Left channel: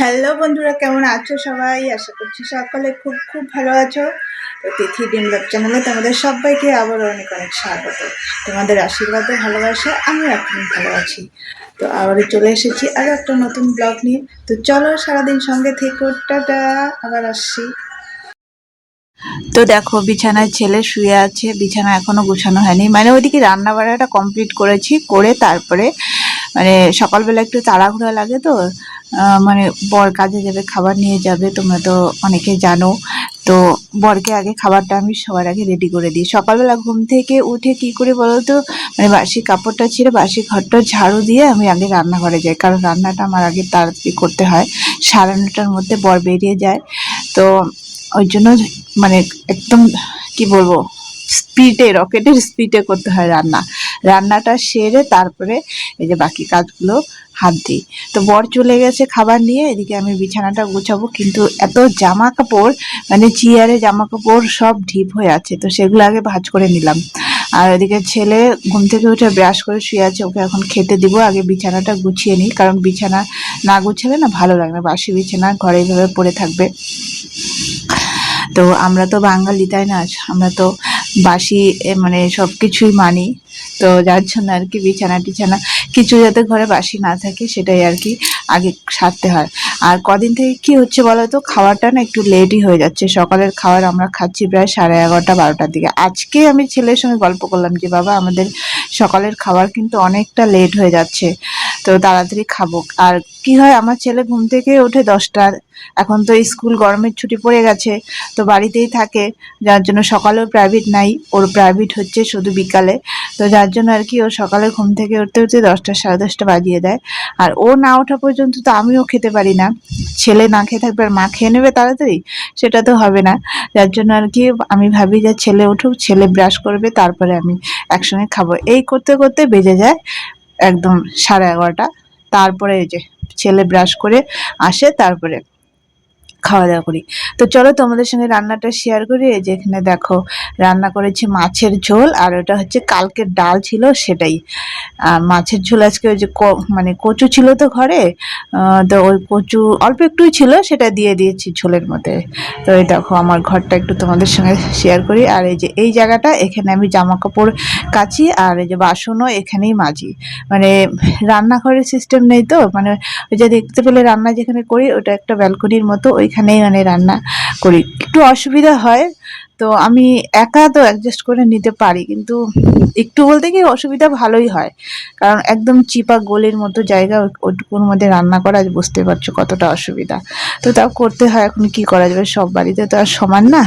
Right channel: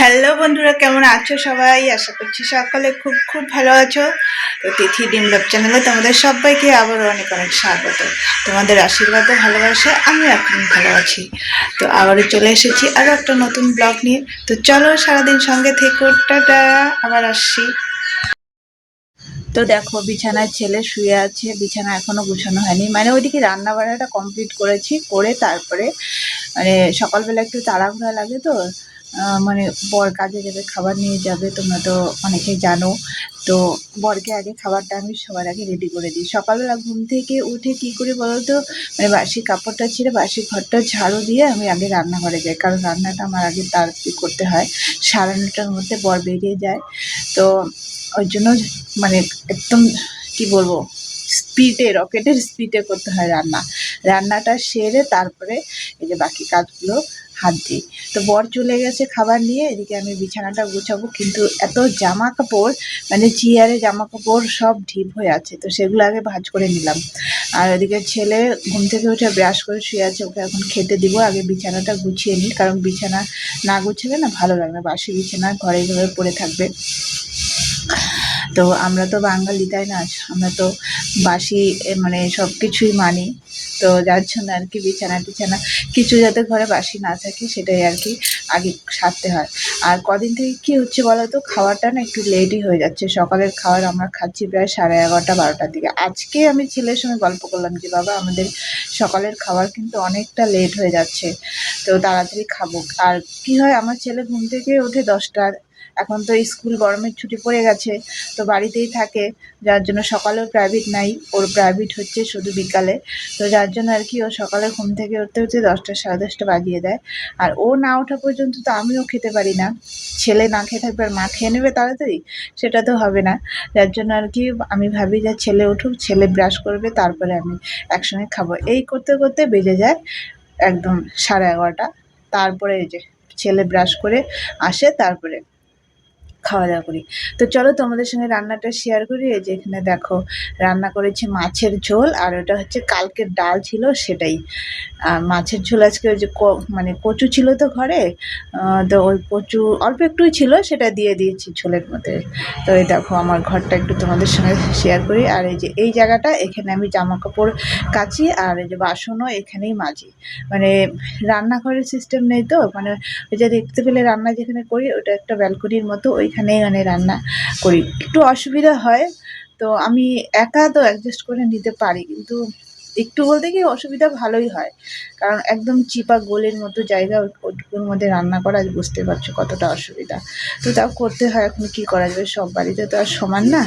Hello বন্ধুরা, কেমন আছো সবাই? আশা করছি সকলে খুব খুব ভালো আছো। তো তিথি ডিমলাভ চ্যানেলে তোমাদের সবাইকে আবারও অনেক অনেক স্বাগত। তোমাদের আশীর্বাদে ভালোবাসায় আমি এখন ভালো আছি। তো আবারও চলে এসেছি আরও একটা নতুন ব্লগ নিয়ে। তো চলো সারাদিন সঙ্গে থেকো, টাটা, আবার আসছি। তো দেখো বিছানায় ছেলে শুয়ে আছে, বিছানা এখনো গোছানো হয়নি, মানে ওইদিকে রান্না বান্নাটা কমপ্লিট করেছি, করে তারপরে মানে সকালবেলা একটু তাড়াহুড়া লাগে তো, মানে বর কাজে যাবে, খাবার নিয়ে যাবে, তোমরা তো অনেকে জানো। তো বরকে আগে খাবারটা আমি সবার আগে রেডি করে দিই। সকালবেলা ঘুম থেকে উঠে কি করে বলো তো, মানে বাসি কাপড়টা ছিঁড়ে বাসি ঘরটা ঝাড়ু দিয়ে আমি আগে রান্নাঘরে যাই, কারণ রান্নাটা আমার আগে তাড়াতাড়ি করতে হয়। 9:30টার মধ্যে বর বেরিয়ে যায়। তো ওই জন্য মানে একদম কি বলবো, স্পিডে, রকেটের স্পিডে করতে হয় রান্নাটা সেরে তারপরে এই যে বাকি কাজগুলো হাত দিই। তো বর চলে গেছে খাবার নিয়ে, এদিকে আমি বিছানাটা গুছাবো, কিন্তু এত জামা কাপড়, মানে চেয়ারে জামা কাপড় সব ঢিপ হয়ে আছে, তো সেগুলো আগে ভাঁজ করে নিলাম। আর ওদিকে ছেলে ঘুম থেকে উঠে ব্রাশ করে শুয়ে আছে, ওকে এখন খেতে দিব। আগে বিছানাটা গুছিয়ে নিই, কারণ বিছানা না গুছালে না ভালো লাগে না, বাসি বিছানা ঘরে এইভাবে পড়ে থাকবে। তো আমরা তো বাঙালি, তাই না? আমরা তো বাসি মানে সব কিছুই মানি। তো যার জন্য আর কি বিছানা টিছানা কিছু যাতে ঘরে বাসি না থাকে সেটাই আর কি আগে সারতে হয়। আর কদিন থেকে কি হচ্ছে বলো তো, খাওয়াটা না একটু লেটই হয়ে যাচ্ছে। সকালের খাবার আমরা খাচ্ছি প্রায় 11:30 12টার দিকে। আজকে আমি ছেলের সঙ্গে গল্প করলাম যে বাবা, আমাদের সকালের খাবার কিন্তু অনেকটা লেট হয়ে যাচ্ছে, তো তাড়াতাড়ি খাবো। আর কি হয়, আমার ছেলে ঘুম থেকে ওঠে 10টা, এখন তো স্কুল গরমের ছুটি পড়ে গেছে, তো বাড়িতেই থাকে, যার জন্য সকালেও প্রাইভেট নাই, ওর প্রাইভেট হচ্ছে শুধু বিকালে। তো যার জন্য আর কি ও সকালে ঘুম থেকে উঠতে উঠতে 10টা 10:30 বাজিয়ে দেয়। আর ও না ওঠা পর্যন্ত তো আমিও খেতে পারি না। ছেলে না খেয়ে থাকবে আর মা খেয়ে নেবে তাড়াতাড়ি, সেটা তো হবে না। যার জন্য আর কি আমি ভাবি যে ছেলে উঠুক, ছেলে ব্রাশ করবে, তারপরে আমি একসঙ্গে খাবো। এই করতে করতে বেজে যায় একদম 11:30। তারপরে এই যে ছেলে ব্রাশ করে আসে, তারপরে খাওয়া দাওয়া করি। তো চলো তোমাদের সঙ্গে রান্নাটা শেয়ার করি। এই যে এখানে দেখো রান্না করেছি মাছের ঝোল, আর ওটা হচ্ছে কালকের ডাল ছিল সেটাই। মাছের ঝোল আজকে ওই যে মানে কচু ছিল তো ঘরে, তো ওই কচু অল্প একটুই ছিল, সেটা দিয়ে দিয়েছি ঝোলের মধ্যে। তো এই দেখো আমার ঘরটা একটু তোমাদের সঙ্গে শেয়ার করি। আর এই যে এই জায়গাটা, এখানে আমি জামা কাপড় কাচি, আর এই যে বাসনও এখানেই মাজি। মানে রান্নাঘরের সিস্টেম নেই তো, মানে ওই যে দেখতে পেলে রান্না যেখানে করি ওটা একটা ব্যালকনির মতো, ওইখানেই মানে রান্না করি। একটু অসুবিধা হয়, তো আমি একা তো অ্যাডজাস্ট করে নিতে পারি, কিন্তু একটু বলতে কি অসুবিধা ভালোই হয়, কারণ একদম চিপা গলির মতো জায়গা, ওইটুকুর মধ্যে রান্না করা বুঝতে পারছো কতটা অসুবিধা। তো তাও করতে হয়, এখন কি করা যাবে, সব বাড়িতে তো আর সমান না।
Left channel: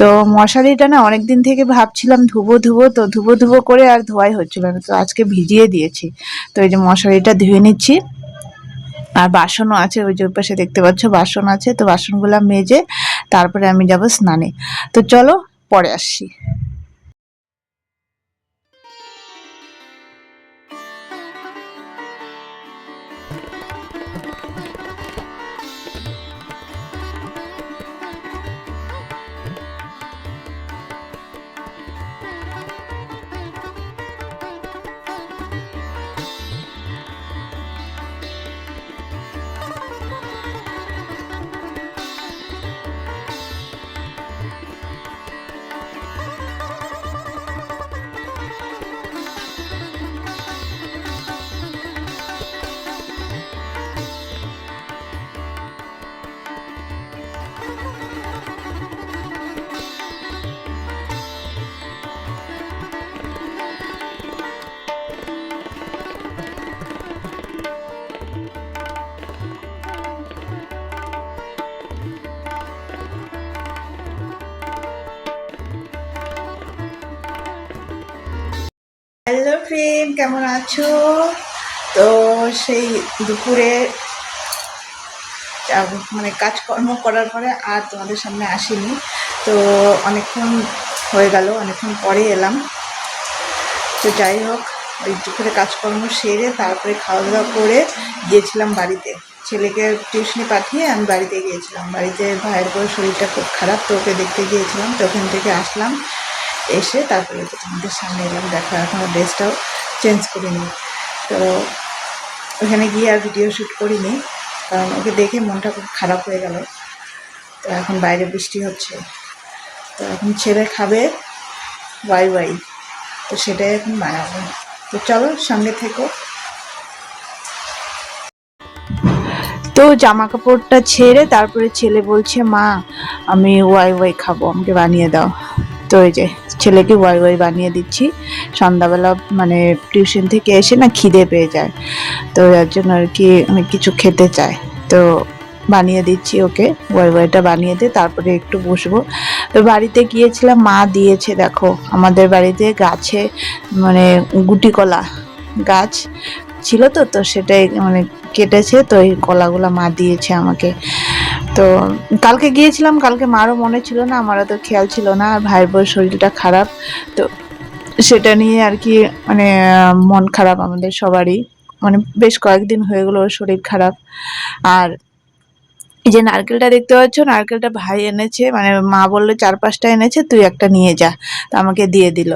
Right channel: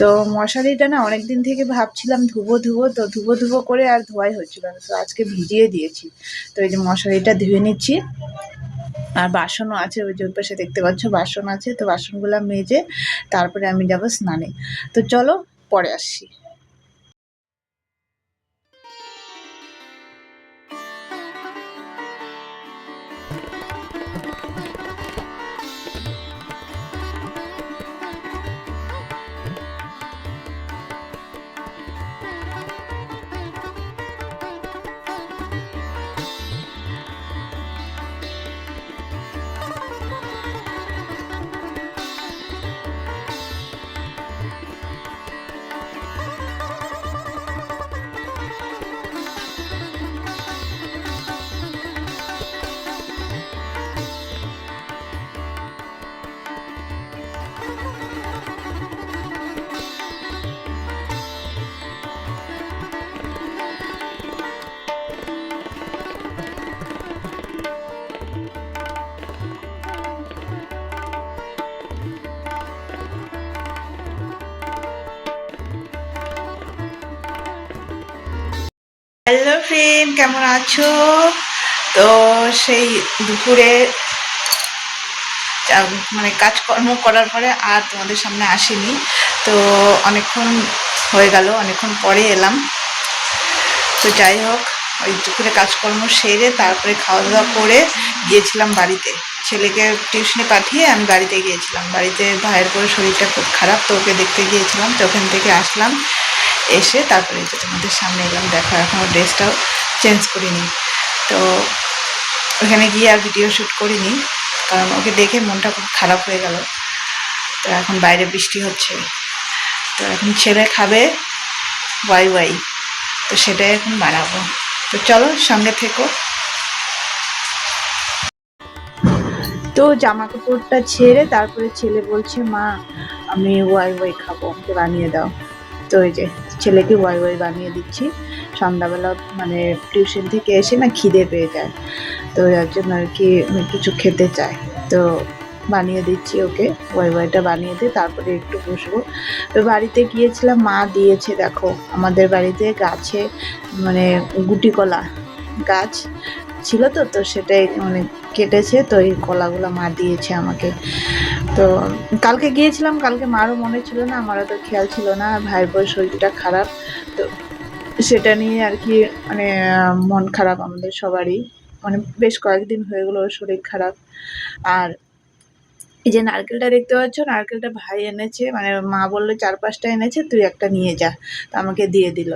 তো মশারিটা না অনেক দিন থেকে ভাবছিলাম ধুবো ধুবো, তো ধুবো ধুবো করে আর ধোয়াই হচ্ছিল না, তো আজকে ভিজিয়ে দিয়েছি। তো এই যে মশারিটা ধুয়ে নিচ্ছি। আর বাসনও আছে, ওই যে পাশে দেখতে পাচ্ছ বাসন আছে, তো বাসনগুলো মেজে তারপরে আমি যাব স্নানে। তো চলো পরে আসছি। হ্যালো ফ্রেন্ড, কেমন আছো? তো সেই দুপুরে মানে কাজকর্ম করার পরে আর তোমাদের সামনে আসিনি। তো অনেকক্ষণ হয়ে গেল, অনেকক্ষণ পরে এলাম। তো যাই হোক, ওই দুপুরে কাজকর্ম সেরে তারপরে খাওয়া দাওয়া করে গিয়েছিলাম বাড়িতে। ছেলেকে টিউশনে পাঠিয়ে আমি বাড়িতে গিয়েছিলাম। বাড়িতে ভাইয়ের পরে শরীরটা খুব খারাপ, তো ওকে দেখতে গিয়েছিলাম। তো ওখান থেকে আসলাম, এসে তারপরে যে তোমাদের সামনে এলাম। দেখো এখনও ড্রেসটাও চেঞ্জ করিনি, তো ওখানে গিয়ে আর ভিডিও শ্যুট করিনি, কারণ ওকে দেখে মনটা খুব খারাপ হয়ে গেল। তো এখন বাইরে বৃষ্টি হচ্ছে, তো এখন ছেলে খাবে ওয়াই ওয়াই, তো সেটাই এখন বানাবো। তো চলো সঙ্গে থেকো। তো জামা কাপড়টা ছেড়ে তারপরে ছেলে বলছে মা আমি ওয়াই ওয়াই খাবো, আমাকে বানিয়ে দাও। তো এই যে ছেলেকে ওয়াই ওয়াই বানিয়ে দিচ্ছি। সন্ধ্যাবেলা মানে টিউশন থেকে এসে না খিদে পেয়ে যায়, তো এর জন্য আর কি আমি কিছু খেতে চাই। তো বানিয়ে দিচ্ছি ওকে, ওয়াই ওয়াইটা বানিয়ে দিয়ে তারপরে একটু বসবো। তো বাড়িতে গিয়েছিলাম, মা দিয়েছে দেখো আমাদের বাড়িতে গাছে মানে গুটি কলা গাছ ছিল, তো তো সেটাই মানে কেটেছে, তো এই কলাগুলো মা দিয়েছে আমাকে। তো কালকে গিয়েছিলাম, কালকে মারও মনে ছিল না, আমারও তো খেয়াল ছিল না, ভাইয়ের বউয়ের শরীরটা খারাপ, তো সেটা নিয়ে আর কি মানে মন খারাপ আমাদের সবারই, মানে বেশ কয়েকদিন হয়ে গেলো ওর শরীর খারাপ। আর এই যে নারকেলটা দেখতে পাচ্ছ, নারকেলটা ভাই এনেছে, মানে মা বললো 4-5টা এনেছে, তুই একটা নিয়ে যা, তো আমাকে দিয়ে দিল।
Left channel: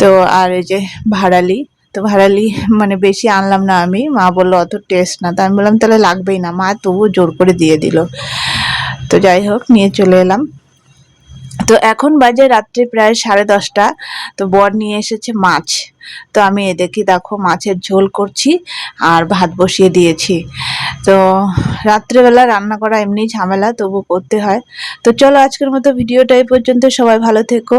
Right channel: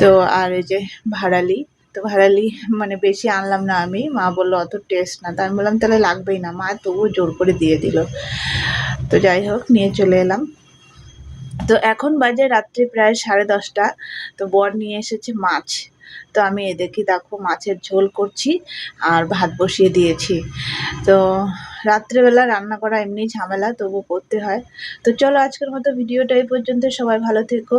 তো আর এই যে ভাড়ালি, তো ভাড়ালি মানে বেশি আনলাম না আমি, মা বললো অত টেস্ট না, তো আমি বললাম তাহলে লাগবেই না, মা তবুও জোর করে দিয়ে দিল। তো যাই হোক নিয়ে চলে এলাম। তো এখন বাজে রাত্রি প্রায় 10:30। তো বর নিয়ে এসেছে মাছ, তো আমি এদিকে দেখো মাছের ঝোল করছি আর ভাত বসিয়ে দিয়েছি। তো রাত্রেবেলা রান্না করা এমনি ঝামেলা, তবু করতে হয়। তো চলো আজকের মতো ভিডিওটা এই পর্যন্ত, সবাই ভালো থেকো।